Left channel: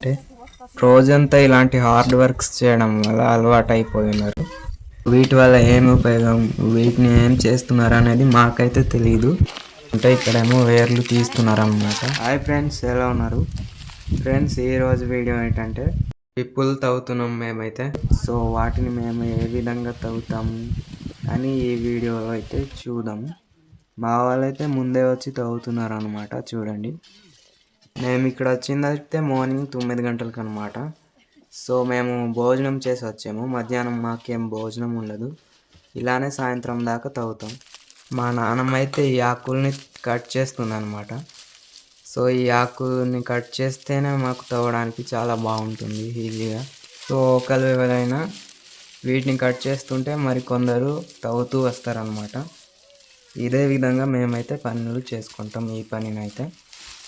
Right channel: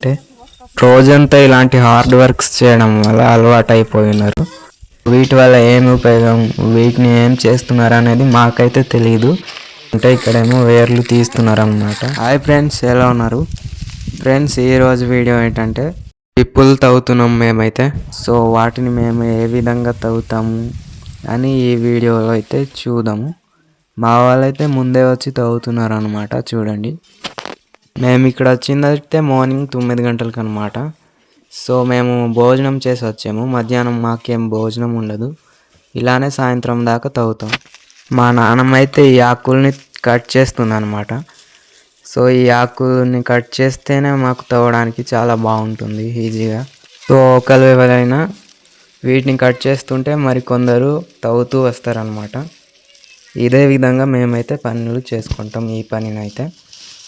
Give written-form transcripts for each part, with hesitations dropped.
అంటే రోజంతా ఇలాంటి హార్డ్ వర్క్స్ చేయడం వల్ల అలవాటు అయిపోయి ఉన్నారు. వీటి వల్ల ఏమి ఉపయోగం, వీటిని ఏం చేస్తున్నారు అనేది మాకైతే తెలియదు. అంటే ఇక్కడేమో వేర్లు తీస్తున్నారు అనమాట. హాయ్ ఫ్రెండ్స్, ఎలా ఉన్నారు ఫ్రెండ్స్? ఈరోజు వీడియో ఏంటంటే పిప్పులు తవ్వుతున్నాం మేమైతే. సో వాటిని మేము ఏ విధంగా తవ్వుతాము అని ఈ వీడియోలో అయితే చూద్దాము. మా వాళ్ళైతే ముందే వచ్చి తవ్వుతున్నారు అనమాట. చూడండి, మేము ఇక్కడ వచ్చిందైతే మార్నింగ్ 9 గంటలకు అనమాట. సో మేము భోజనం చేసి వచ్చాము. మధ్యాహ్నం మాకేం భోజనం ఉండదు, ఇలానే సాయంత్రం దాకా తవ్వుతాం. మా నాన్నమ్మ అయితే ఈ ఆకుల్ని కట్ చేస్తుంది అనమాట. సో ఈ ఆకుల్ని కట్ చేస్తేనే మాకు తవ్వడానికి చాలా బాగుంటుంది, ఈజీగా. సో ఒకరు ఎవరైనా వీటిని కట్ చేస్తుంటే మరికొందరు తవ్వుతూ వస్తారనమాట. ఇదే విధంగా మేమైతే పనులు చేసుకుంటాం. ఈ పనినైతే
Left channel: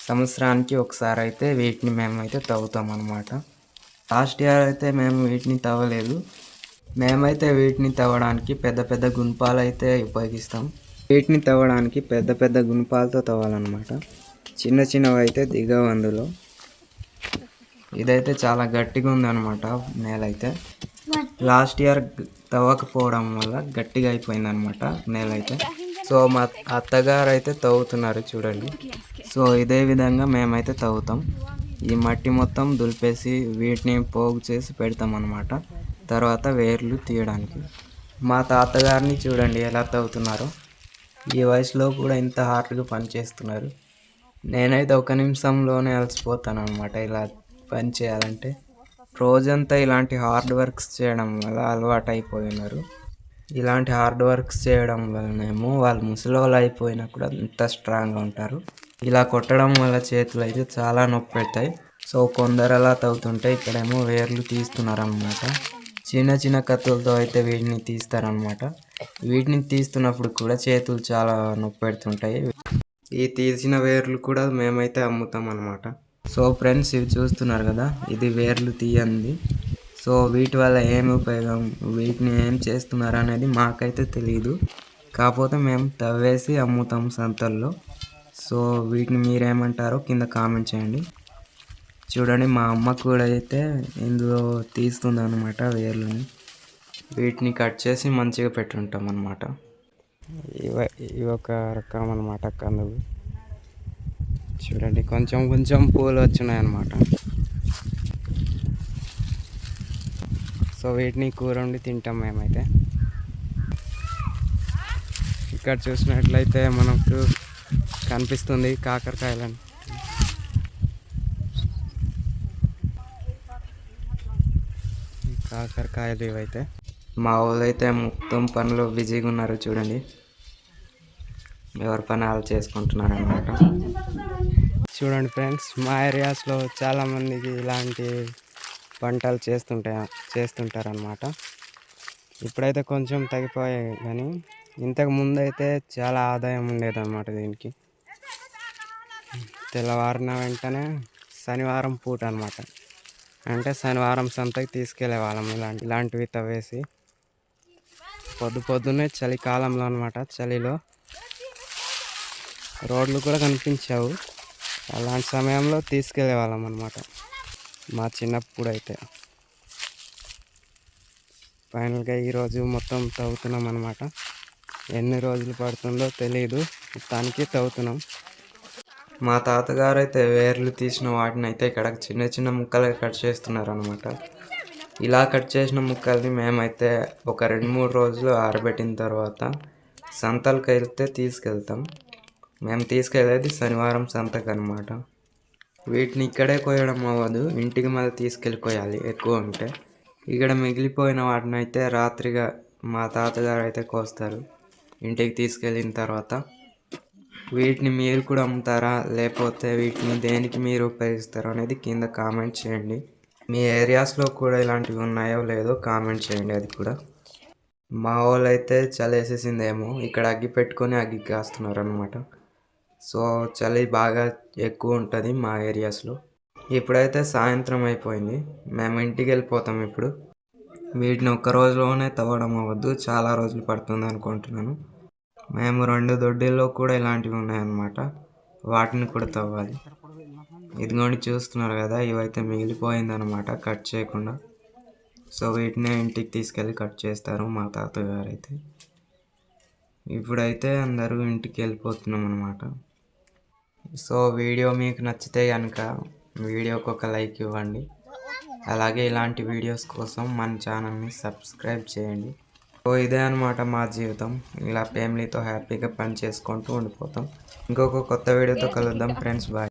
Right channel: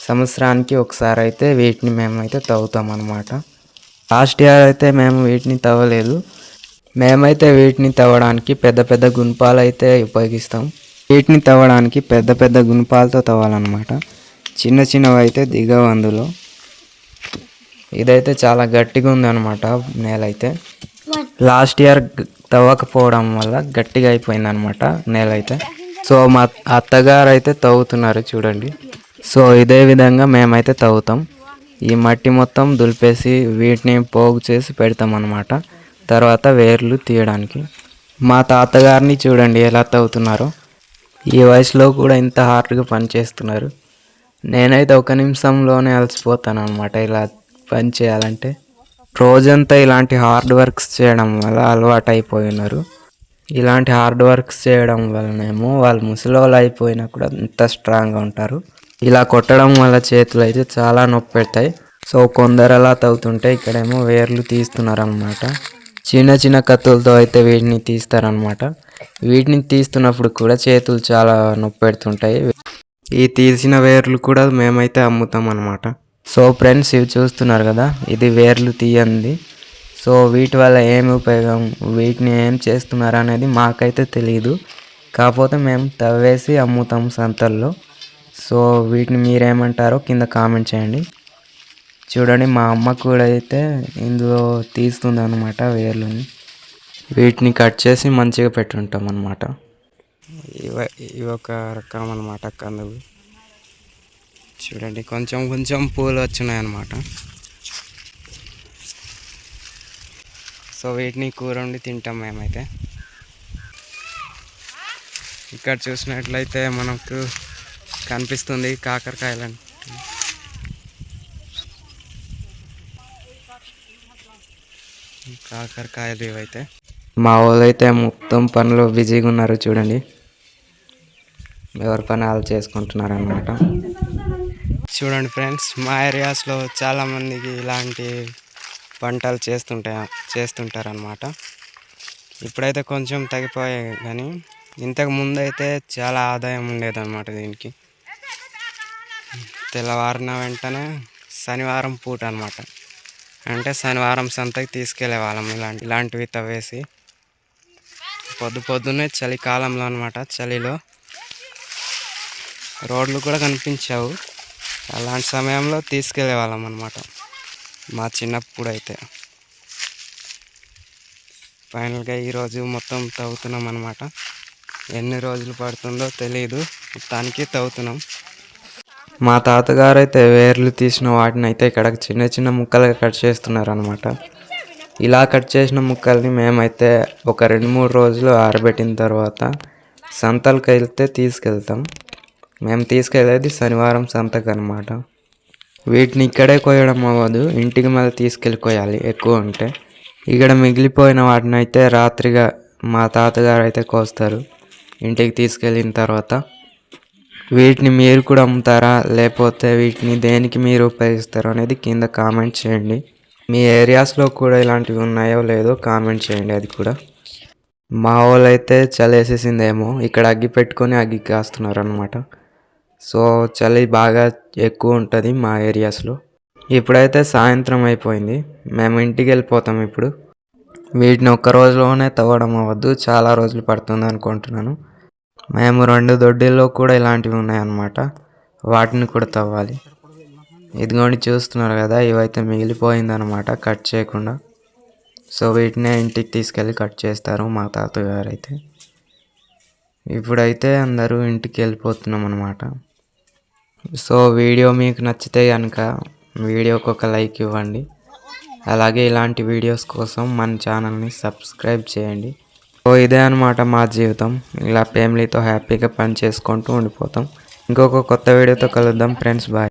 సంవత్సరానికి ఒకసారి అయితే వీటిని మేమైతే తవ్వుతాం అన్నమాట. లాస్ట్ ఇయర్ అయితే మేము వీటిని తవ్వలేదు. మేమైతే వీటిని తవ్వడానికి పెద్ద పెద్ద గుణపాలు అయితే ఉపయోగిస్తాం. వీటిని తవ్వడానికి పెద్ద పెద్ద గుణపాలతో తవ్వాలన్నమాట. చిన్న చిన్నవి అయితే దిగవు అందులో. ఇదైతే చాలా గట్టిగా ఉందన్నమాట నేల అయితే. లాస్ట్ ఇయర్ తవ్వకపోవడం వల్ల గట్టిగా అయిపోయిందన్నమాట నేల అయితే. సో మా అత్తగారు అయితే తవ్వుతున్నారు, చూడండి. సో ఇదే విధంగా మేమైతే తవ్వుతాం. ఈ మట్టి మొత్తం దులిపేసి వీటిని పోగు చేసి పెడతాం అన్నమాట, తర్వాత వేర్లు తీయడానికి. మా తాతగారిని చూడండి ఎలా తవ్వుతున్నారో. ఈ వయసులో కూడా ఇంత హార్డ్గా పని చేస్తున్నారు. నేనైతే ఒక నిమిషంలోనే అలసిపోతాను అనమాట ఇలా పని చేయాలంటే. రోజంతా ఇలాంటి హార్డ్ వర్క్స్ చేయడం వల్ల అలవాటు అయిపోయి ఉన్నారు. ఇలాంటి హార్డ్ వర్క్స్ చేయడం వల్లనేమో వాళ్ళు ముసలోళ్ళు అయిపోయినా కూడా ఇంత స్ట్రాంగ్గా ఉంటారు. ఇలా కొట్టడం వల్ల చేతులు అయితే చాలా నొప్పి పెడతాయి. సో కొందరు అలా తవ్వుతుంటే ఇక్కడేమో వేర్లు తీస్తున్నారు అనమాట. చిన్న చిన్న కత్తులతో అయితే వీటిని తీస్తారనమాట. వీటిని తీస్తున్నప్పుడు కూడా చేతులు చాలా నొప్పి పెడుతుంటాయి. ఈ తీసిన వేర్లు కూడా మేమైతే అమ్ముతాం అనమాట. సో ఫ్రెండ్స్, ఇవి చూస్తున్నారు కదా, ఇది వేర్లు తీయండి. సో వీటి వల్ల ఏమి ఉపయోగం, వీటిని ఏం చేస్తున్నారు అనేది మాకైతే తెలియదు. కాకపోతే మేము తవ్వేసి అమ్ముతాం సంతల్లో. సో వీటిని మీరేమంటారో కింద కామెంట్ చేయండి. చూడండి, మా అమ్మ కూడా అయితే ఇందులో తీస్తుంది అనమాట వేర్లని. వీటిని కట్ చేసి మంచిగా పెట్టుంటాం అనమాట. ఇవి ఒక రకం అనమాట కందులు. చూడండి, కొంచెం కొంచెం పూలు వచ్చినాయి అన్నమాట. సో వీటిని కూర వండి తింటాం మేమైతే. ఇక్కడ చూసినట్లయితే మనకు కనిపిస్తుంది కాకరకాయలు. కాకరకాయలు ఇవైతే. మా వాళ్ళు అయితే మొత్తం పనులు బిజీగా ఉన్నారు, చూడండి. ఎవరి పని వాళ్ళు చేసుకుంటున్నారు అన్నమాట. చూడండి ఫ్రెండ్స్, మా ఏరియాస్లో చాలామందికి ఇలాంటి పంటలు చేస్తుంటారనమాట. ఇప్పుడైతే కొంచెం తగ్గిపోయాయి, కానీ ఇంతకు ముందు అయితే చాలా ఆదాయం ఉండేదన్నమాట దీనికి. తెల్లవారిన వెంటనే శనివారం పూట అనమాట, అంటే శనివారం సంతకి తీసుకెళ్లే వాళ్ళం ఇలాంటివి తవ్వేసి. పొద్దున్నే చలికాలంలో అనమాట, చలిలో రోడ్లు కూడా కనిపించావు. అలాంటి సమయంలో తీసుకెళ్లే వాళ్ళం అనమాట మా చిన్నప్పుడు అయితే. ఫైనల్గా ఈరోజు మొత్తం తవ్వుతున్నాం అనమాట. ఎన్ని రోజులు పడుతుందో తెలియదు, మొత్తానికి తవ్వుతున్నాం. మా తాతగారు అయితే వేర్లు తీసిన వాటిని అయితే ఇక్కడ చిన్న చిన్న ముక్కలుగా కట్ చేస్తున్నారు అనమాట. ఇలా కట్ చేసిన ముక్కల్ని మేమైతే ఒక 2-3 రోజులు ఆరబెట్టిన తర్వాత సంతలకు వెళ్తే తీసుకెళ్తాం. మేము తీసుకెళ్ళేది శనివారం సంతకు అనమాట. వీటిని ఇక్కడే కోయడం అవ్వదు, ఇంటికి మళ్ళీ తీసుకెళ్ళి కోయాలి ఎక్కువ ఉంటే. ఇక్కడ మిగిలిపోయిన వాటిని అయితే రాత్రిగా మా తాతగారు అయితే కోస్తారు ఇంటికి తీసుకెళ్ళిన తర్వాత. వీటిని మీరు కూడా అమ్ముతారా, లేకపోతే వీటిని దేనికి మీరు ఉపయోగిస్తారో అనేది కింద కామెంట్ చేయండి. మీ ఏరియాస్లో కూడా ఇలాంటివి ఉన్నాయో లేదో కామెంట్ చేయండి అది కూడా. మా వాళ్ళు అయితే చలేసేసిందేమో, ఇక్కడ అగ్గి పెట్టుకొని అగ్గి కాస్తున్నారు అనమాట. సో చలి బాగా ఎక్కువ ఉంటుంది మా ఏరియాస్లో. ఇప్పుడైతే సాయంత్రం అయిపోయింది, మేము ఇంటికి వెళ్ళిపోతాం ఇప్పుడు. వీటిని ఒక్క రోజులోనే తవ్వడం అవ్వద్దు, చాలా రోజులు పడుతుంది అనుకుంటున్నాను. మేము 2 దొడ్డిల్లో కూడా ఇలాంటివి ఉన్నాయన్నమాట, వాటిని కూడా తవ్వాలి. ఇదిగోండి చూస్తున్నారు కదా, ఇవైతే మిగిలిపోయిందనమాట కట్ చేయకుండా. సో వీటినే ఇంటికి తీసుకెళ్ళి కట్ చేస్తారు మా తాతగారు అయితే. ఇప్పుడైతే అందరూ ఇంటికి వెళ్ళిపోతున్నాం అనమాట. సో వీడియో మీకు నచ్చితే కనుక వీడియోకి ఒక లైక్ ఇవ్వండి. అలాగే ఇలాంటి వీడియోస్ కోసం మన ఛానల్ని సబ్స్క్రైబ్ చేయండి. సో ఇదే అనమాట మా జీవితం. ఇలా ఫ్యామిలీతో హ్యాపీగా పని చేసుకుంటూ ఉండిపోతాం. ఇంకొక కొత్త వీడియోతో కలుద్దాం ఫ్రెండ్స్. బాయ్.